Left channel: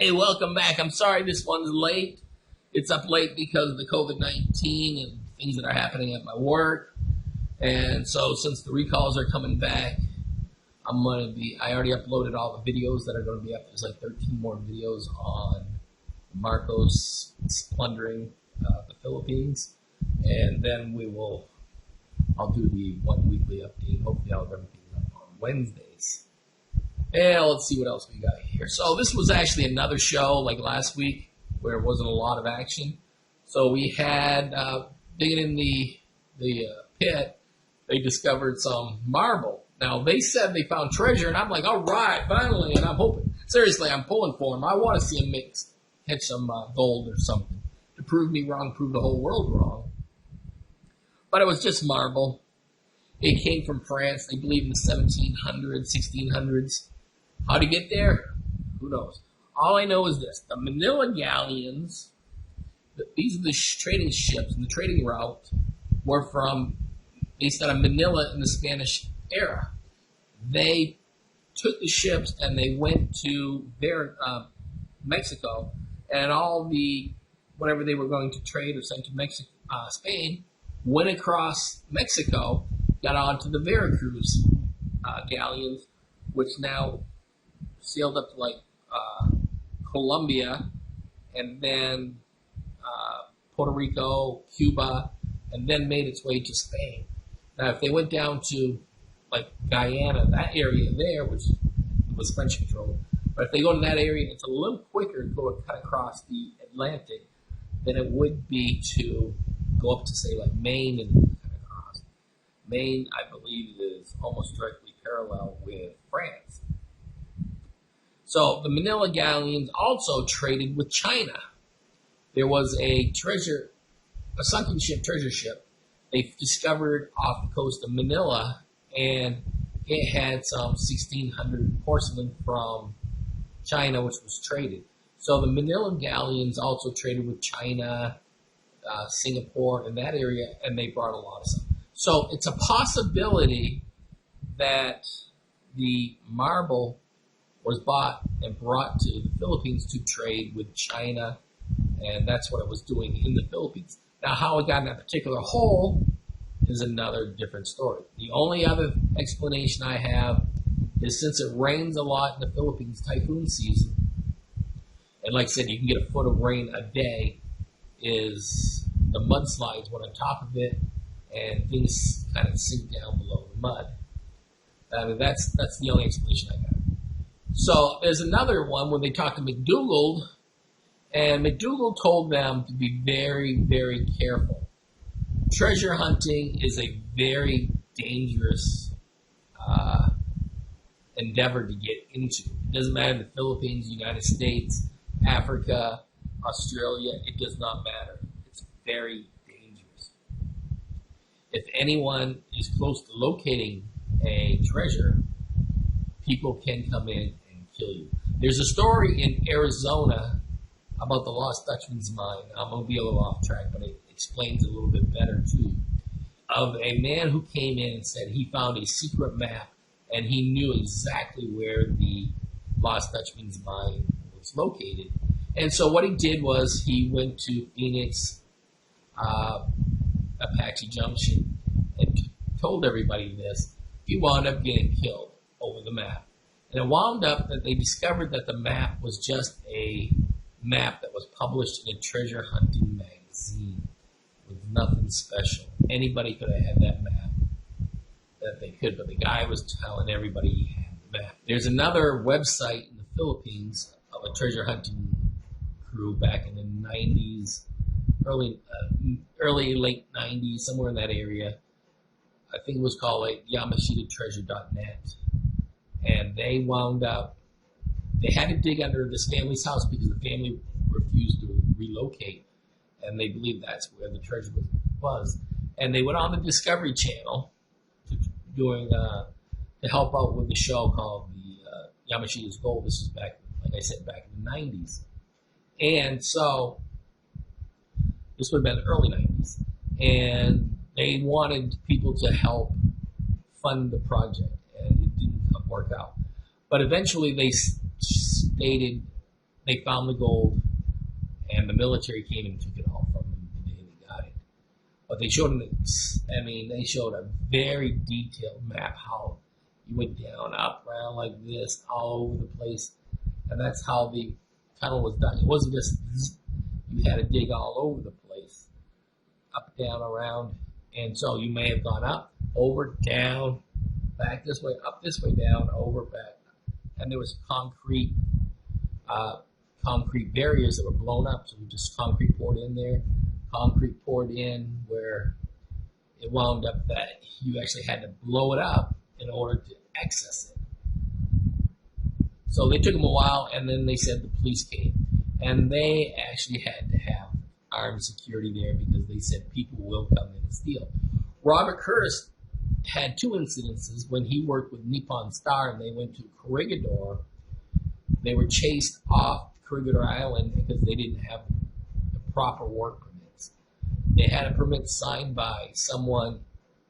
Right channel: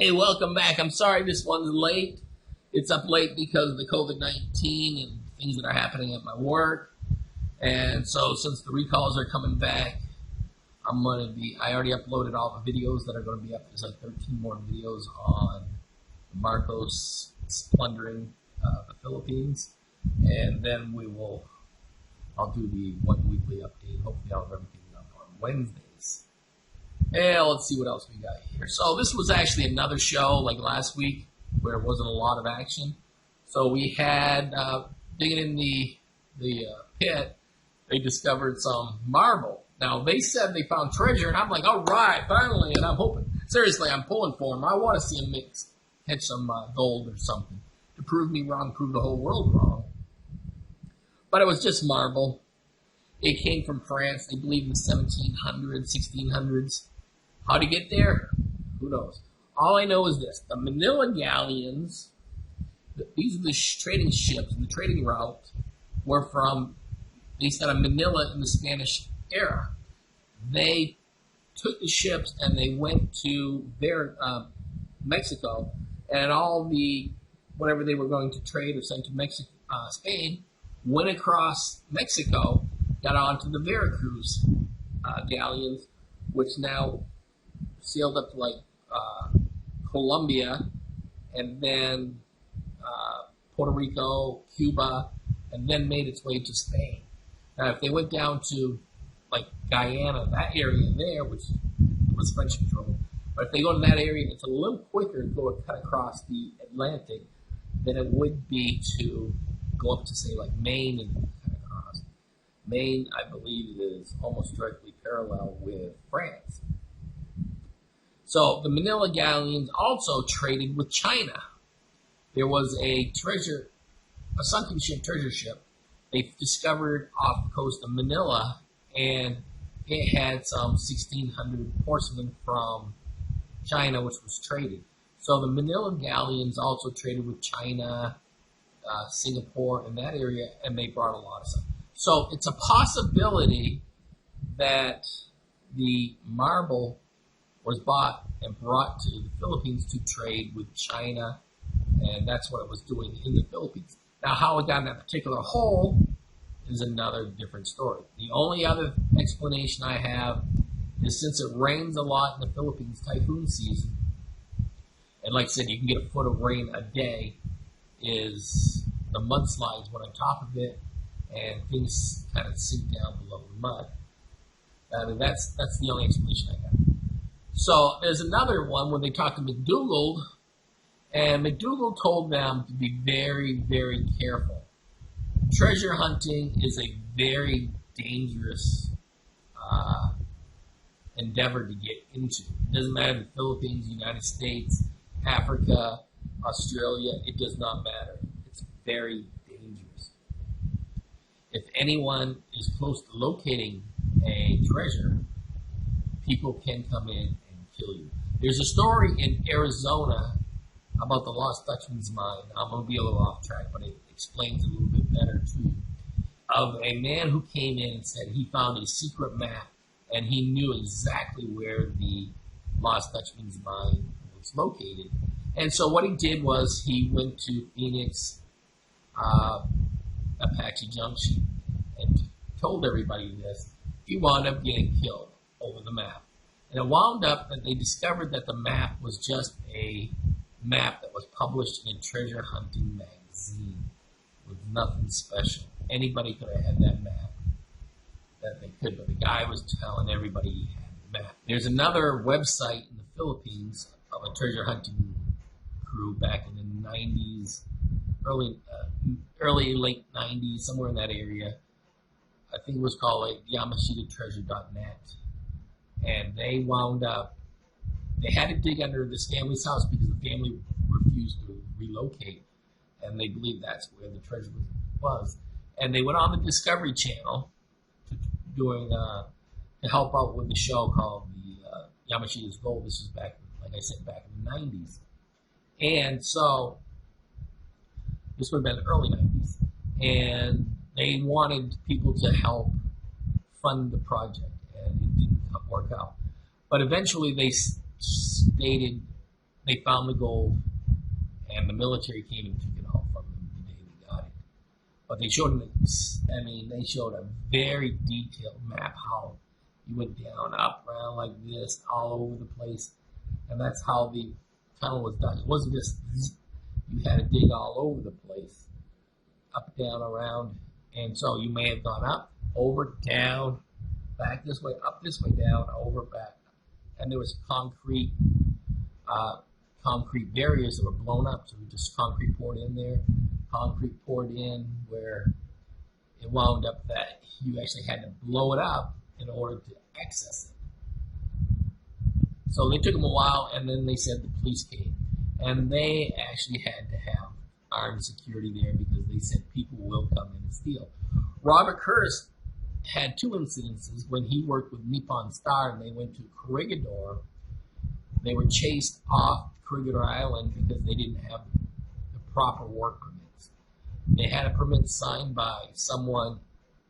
Hey, welcome back. I'm sorry this one's late. It's up late because of the COVID-19 and things that are happening at my work. And so since the recalls are coming back, I already uploaded all the videos that are going to be up. There's like 13 more videos on Marcos plundering the Philippines. And then I'll do the one weekly update. Hopefully I'll have everything up on Wednesdays. And let's see what else we got here. So this was actually another show like last week where it wasn't a lot of action. So we had, digging in the pit, they discovered some marble. Now, they said they found treasure, and I'm like, all right, finally, and I'm hoping. Seriously, I'm pulling for them. I want to see them catch some gold or something to prove me wrong, prove the whole world wrong. But it was just marble. It came from France, they believe in the 1700s, 1600s. How to get there? Who knows? All I know is this. The Manila galleons, these are the trading ships, and the trading route were based out of Manila in the Spanish era. They took the ships and they went to Mexico, and all whatever they were going to trade or send to Mexico, Spain, went across Mexico, got onto the Veracruz galleons, which now sailed up to like Colombia, and then Puerto Rico, Cuba, and then made its way to Spain. Now, if they went down to like Guyana, that area there, which was French controlled, but if they go to that area, it's a little quicker to go cut across the Atlantic than it would be to go up to say like Maine and cut across. Maine, I believe, is almost directly parallel with France. So the Manila galleons also traded with China. There was a sunken ship, treasure ship, they discovered off the coast of Manila, and it had some 1600 porcelain from China, which was traded. So the Manila galleons also traded with China, Singapore, in that area, and they brought a lot of stuff. So it's a possibility that the marble was bought and brought to the Philippines to trade with China, and that's what it was doing in the Philippines. Now, how it got in that particular hole is another different story. The only other explanation I have is since it rains a lot in the Philippines, typhoon season, and like I said, you can get a foot of rain a day, is the mudslides went on top of it, and things kind of sink down below the mud. I mean, that's the only explanation I got. So there's another one when they talked to McDougald, and McDougald told them to be very, very careful. Treasure hunting is a very dangerous endeavor to get into. It doesn't matter the Philippines, United States, Africa, Australia, it does not matter. It's very dangerous. If anyone is close to locating a treasure, people can come in and kill you. There's a story in Arizona about the Lost Dutchman's mine. I'm going to be a little off track, but it explains it a little bit better too. Of a man who came in and said he found a secret map and he knew exactly where the Lost Dutchman's mine was located. And so what he did was he went to Phoenix, Apache Junction, and told everybody this. He wound up getting killed over the map. And it wound up that they discovered that the map was just a map that was published in a treasure hunting magazine with nothing special. Anybody could have had that map that they could, but the guy was telling everybody he had the map. There's another website in the Philippines of a treasure hunting crew back in the 90s, early late 90s, somewhere in that area. I think it was called like YamashitaTreasure.net. And they wound up, they had to dig under this family's house because the family refused to relocate. And they believed that's where the treasure was. And they went on the Discovery Channel to help out with the show called the Yamashita's Gold. This was back, like I said, back in the 90s. And so, this would have been the early 90s. And they wanted people to help fund the project. And it didn't work out. But eventually they stated they found the gold, and the military came and took it all from them the day they got it. But they showed they showed a very detailed map how you went down, up, around like this, all over the place, and that's how the tunnel was done. It wasn't just you had to dig all over the place, up, down, around, and so you may have gone up, over, down, back this way, up this way, down, over, back, and there was concrete barriers that were blown up, so just concrete poured in there, concrete poured in where it wound up that you actually had to blow it up in order to access it. So they took them a while, and then they said the police came, and they actually had to have armed security there because they said people will come in and steal. Robert Curtis had two incidences when he worked with Nippon Star and they went to Corregidor. They were chased off Corregidor Island because they didn't have the proper work permits. They had a permit signed by someone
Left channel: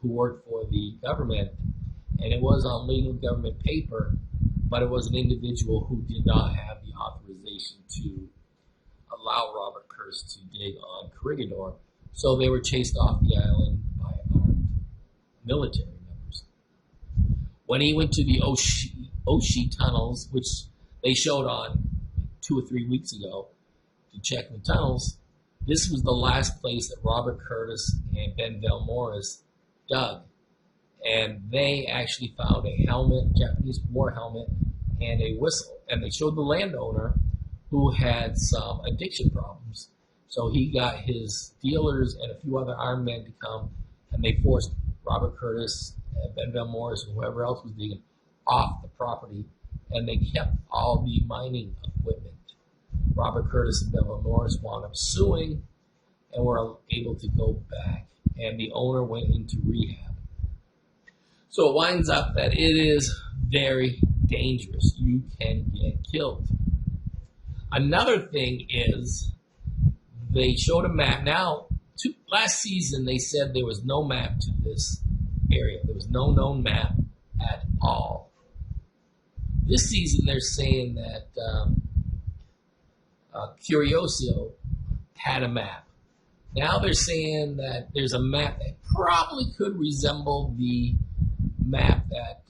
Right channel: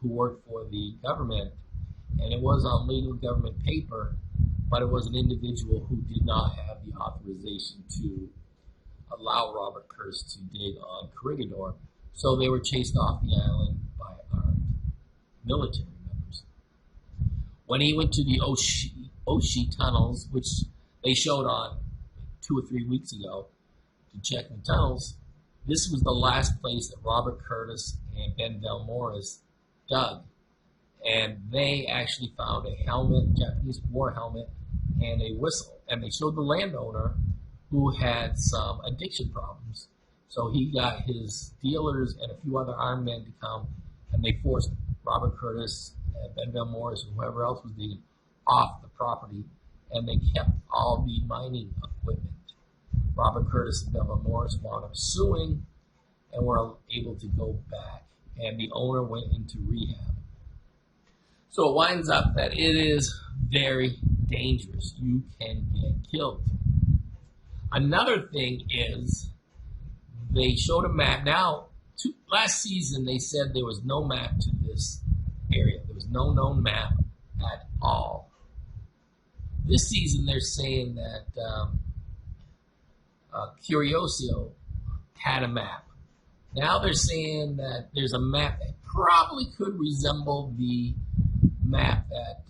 who worked for the government, and it was on legal government paper, but it was an individual who did not have the authorization to allow Robert Curtis to dig on Corregidor. So they were chased off the island by armed military members. When he went to the Oshie tunnels, which they showed on 2 or 3 weeks ago to check the tunnels, this was the last place that Robert Curtis and Benvel Morris dug. And they actually found a helmet, Japanese war helmet, and a whistle. And they showed the landowner who had some addiction problems. So he got his dealers and a few other armed men to come, and they forced Robert Curtis, Benvel Morris, and whoever else was digging off the property, and they kept all the mining equipment. Robert Curtis and Benvel Morris wound up suing and were able to go back, and the owner went into rehab. So it winds up that it is very dangerous. You can get killed. Another thing is they showed a map. Now, last season they said there was no map to this area. There was no known map at all. This season they're saying that Curioso had a map. Now they're saying that there's a map that probably could resemble the map that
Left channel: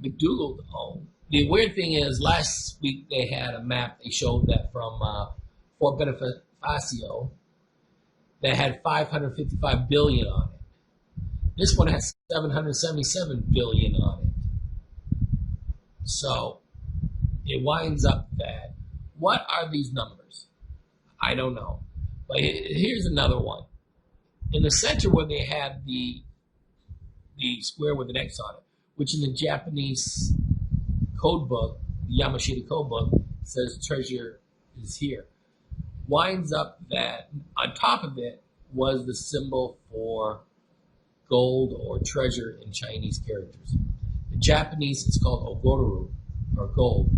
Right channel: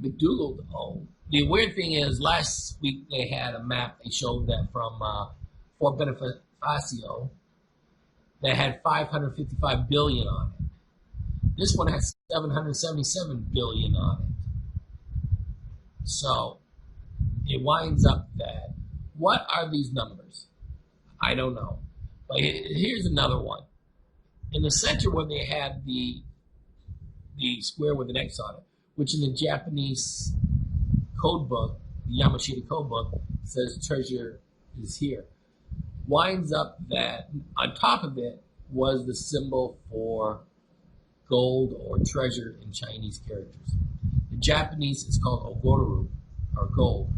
McDougald owned. The weird thing is, last week they had a map they showed that from Fort Bonifacio that had 555 billion on it. This one has 777 billion on it. So it winds up that, what are these numbers? I don't know. But here's another one. In the center where they had the square with an X on it, which in the Japanese code book, the Yamashita code book, says treasure is here, winds up that on top of it was the symbol for gold or treasure in Chinese characters. The Japanese, it's called ogoru, or gold.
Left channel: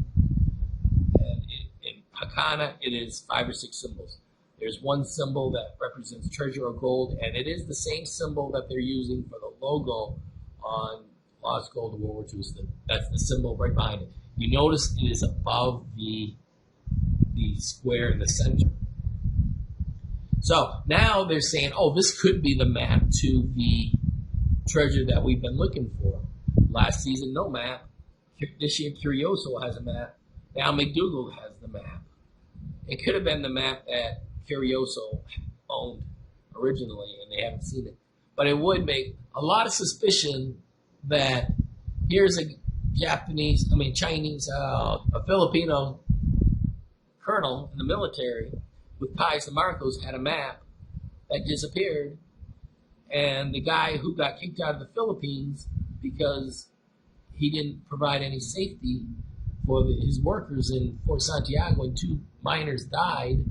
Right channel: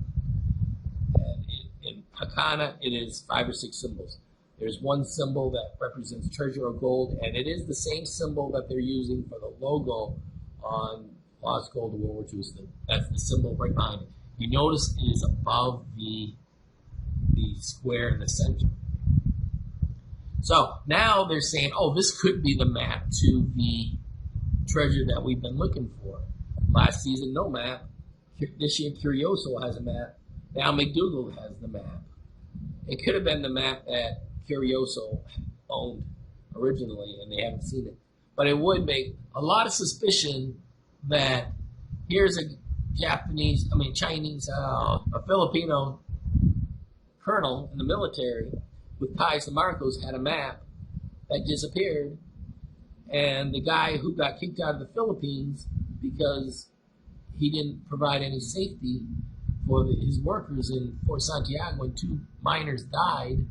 And in Hakana, it is 5 or 6 symbols. There's one symbol that represents treasure or gold, and it is the same symbol that they're using for the logo on Lost Gold of World War II. So that's the symbol right behind it. You notice it is above the square in the center. So now they're saying, oh, this could be the map to the treasure that we've been looking for. Last season, no map. This year, Curioso has a map. Now McDougald has the map. It could have been the map that Curioso owned originally, and they haven't seen it. But it would make a lot of suspicion that here's a a Filipino colonel in the military with Pius de Marcos had a map that disappeared, and the guy who got kicked out of the Philippines because he didn't provide any safety for his workers in Fort Santiago when 2 miners died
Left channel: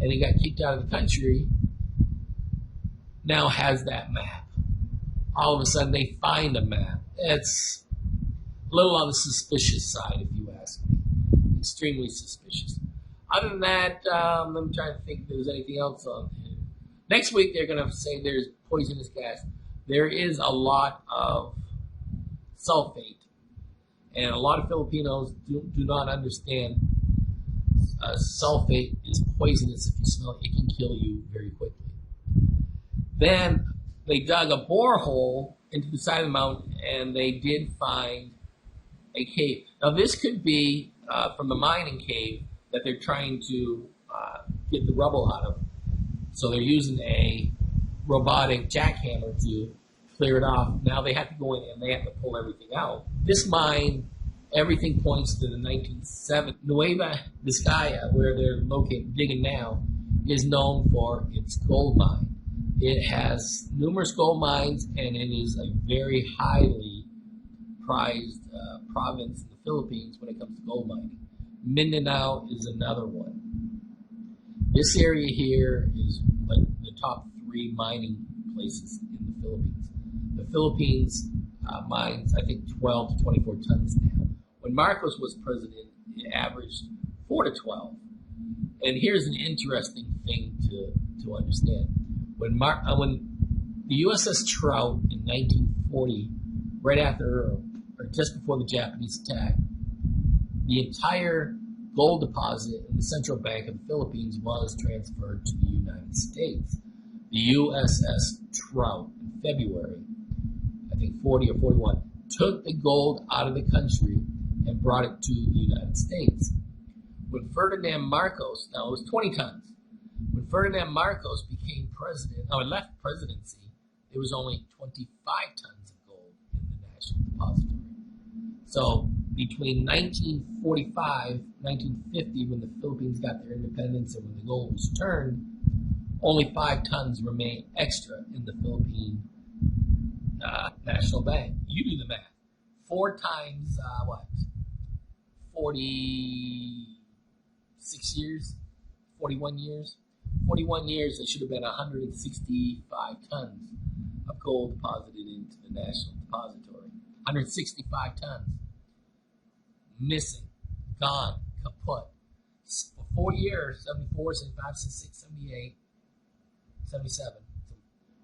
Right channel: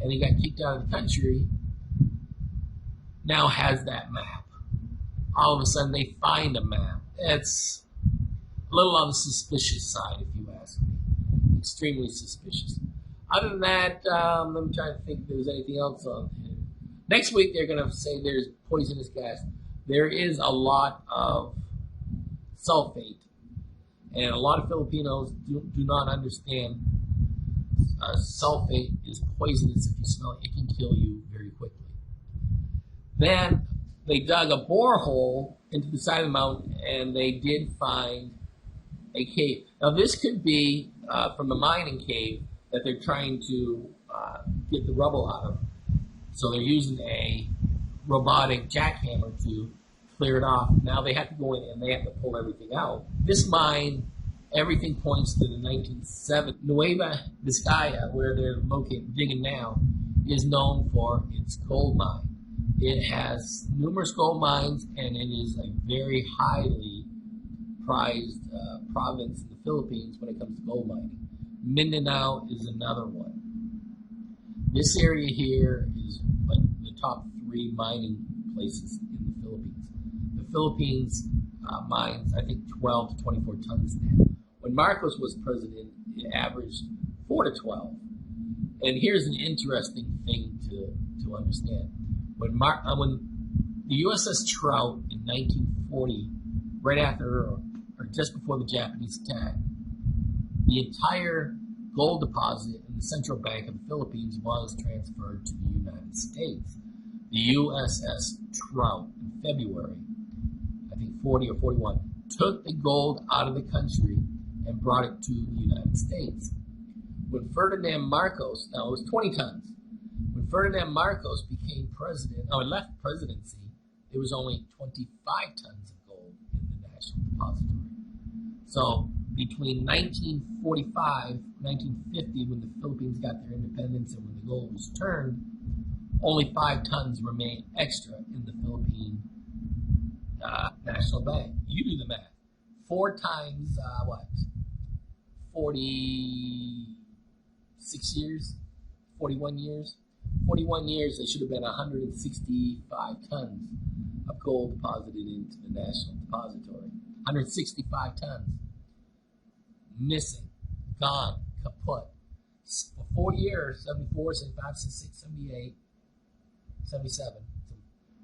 and he got kicked out of the country, now has that map. All of a sudden they find a map. It's a little on the suspicious side, if you ask me. Extremely suspicious. Other than that, let me try to think if there's anything else on here. Next week they're going to say there's poisonous gas. There is a lot of sulfate, and a lot of Filipinos do not understand sulfate is poisonous. If you smell it, it can kill you very quickly. Then they dug a borehole into the side of the mountain, and they did find a cave. Now, this could be from a mining cave that they're trying to get the rubble out of. So they're using a robotic jackhammer to clear it off. Now they have to go in and they have to pull everything out. This mine, everything points to the 1970s. Nueva Vizcaya, where they're located, digging now, is known for its gold mine. It has numerous gold mines, and it is a very highly prized province in the Philippines when it comes to gold mining. Mindanao is another one. This area here is like the top 3 mining places in the Philippines. The Philippines mines, I think, 12 to 24 tons now. When Marcos was president, it averaged 4 to 12. And here's an interesting thing to understand. When the USS Trout in 1940, right after or just before the Japanese attack, the entire gold deposit in the Central Bank of the Philippines was transferred to the United States. The USS Trout in February, I think 40 or 41, took the gold out of the country and brought it to the United States. When Ferdinand Marcos, now it was 20 tons, when Ferdinand Marcos became president, or left presidency, it was only 25 tons of gold in the National Depository. So between 1945, 1950, when the Philippines got their independence and when the gold was turned, only 5 tons remained extra in the Philippine National Bank. You do the math. 4 times, 46 years? 41 years? 41 years, there should have been 165 tons of gold deposited into the National Depository. 165 tons. Missing, gone, kaput. For 4 years, 74, 75, 76, 78, 77.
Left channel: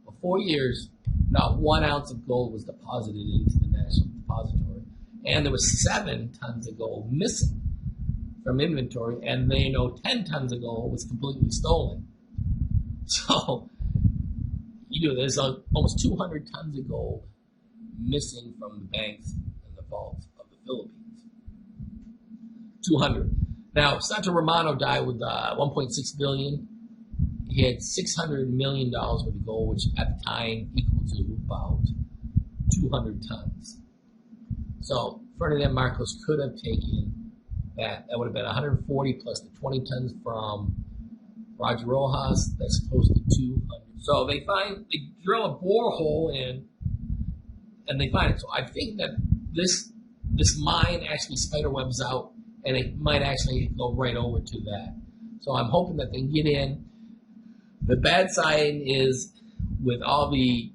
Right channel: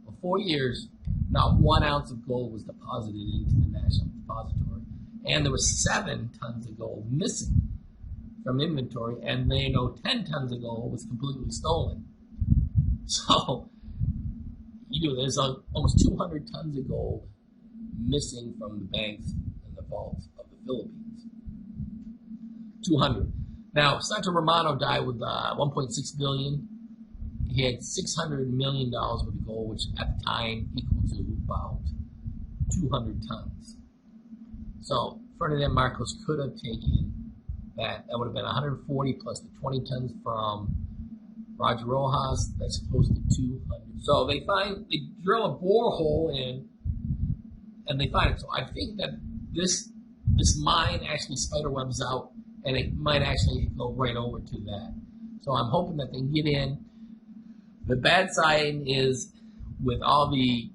For 4 years, not 1 ounce of gold was deposited into the National Depository. And there was 7 tons of gold missing from inventory, and they know 10 tons of gold was completely stolen. So, there's almost 200 tons of gold missing from the banks and the vaults of the Philippines. 200. Now, Santo Romano died with $1.6 billion. He had $600 million worth of gold, which at the time equal to about 200 tons. So Ferdinand Marcos could have taken that. That would have been 140 plus the 20 tons from Roger Rojas. That's close to 200. So they drill a borehole in, and they find it. So I think that this mine actually spiderwebs out, and it might actually go right over to that. So I'm hoping that they can get in. The bad sign is, with all the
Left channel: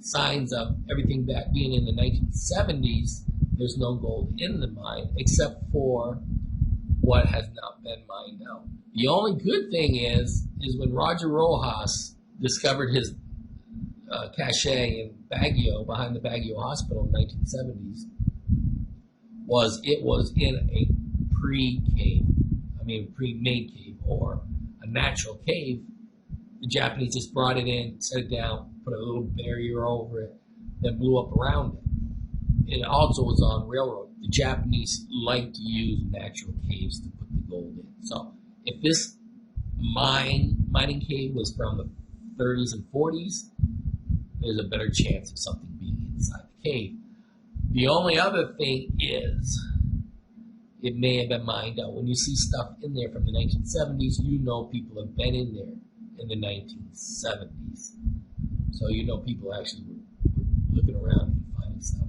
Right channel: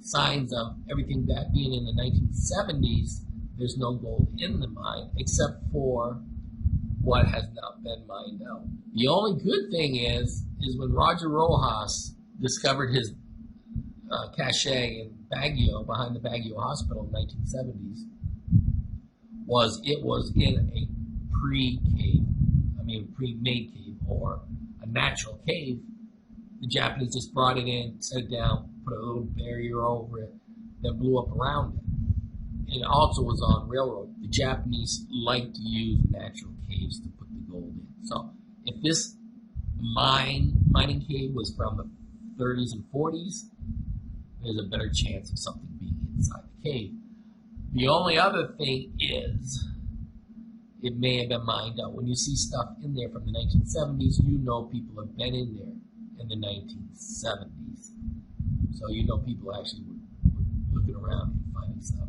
signs of everything that being in the 1970s, there's no gold in the mine except for what has not been mined out. The only good thing is when Roger Rojas discovered his cache in Baguio, behind the Baguio Hospital in the 1970s, it was in a pre-made cave, or a natural cave. The Japanese just brought it in, set it down, put a little barrier over it, then blew up around it. It also was on railroad. The Japanese like to use natural caves to put the gold in. So if this mining cave was from the 30s and 40s, there's a better chance of something being inside the cave. The only other thing is, it may have been mined out. When you see stuff in there from the 1970s, you know people have been in there in the 1970s. So you know people actually were looking around and finding stuff.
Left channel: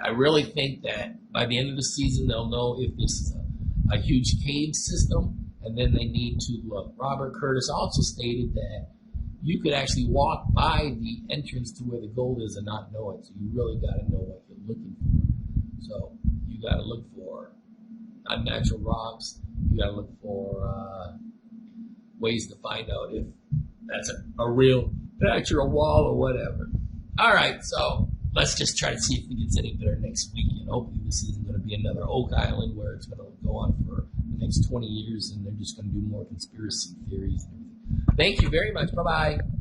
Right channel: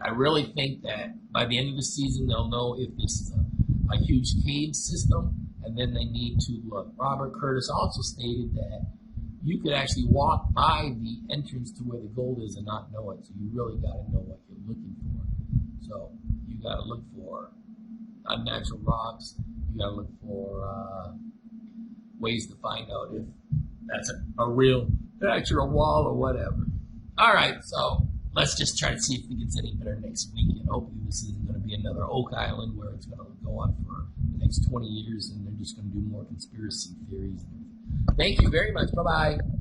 I really think that by the end of the season, they'll know if this is a huge cave system, and then they need to look. Robert Curtis also stated that you could actually walk by the entrance to where the gold is and not know it. So you really got to know what you're looking for. So you got to look for unnatural rocks. You got to look for ways to find out if that's a real natural wall or whatever. All right, so let's just try to see if it gets any better next week. And hopefully this isn't going to be another Oak Island where it's going to go on for next 20 years, and they're just going to do more conspiracy theories and everything. Thank you very much. Bye-bye.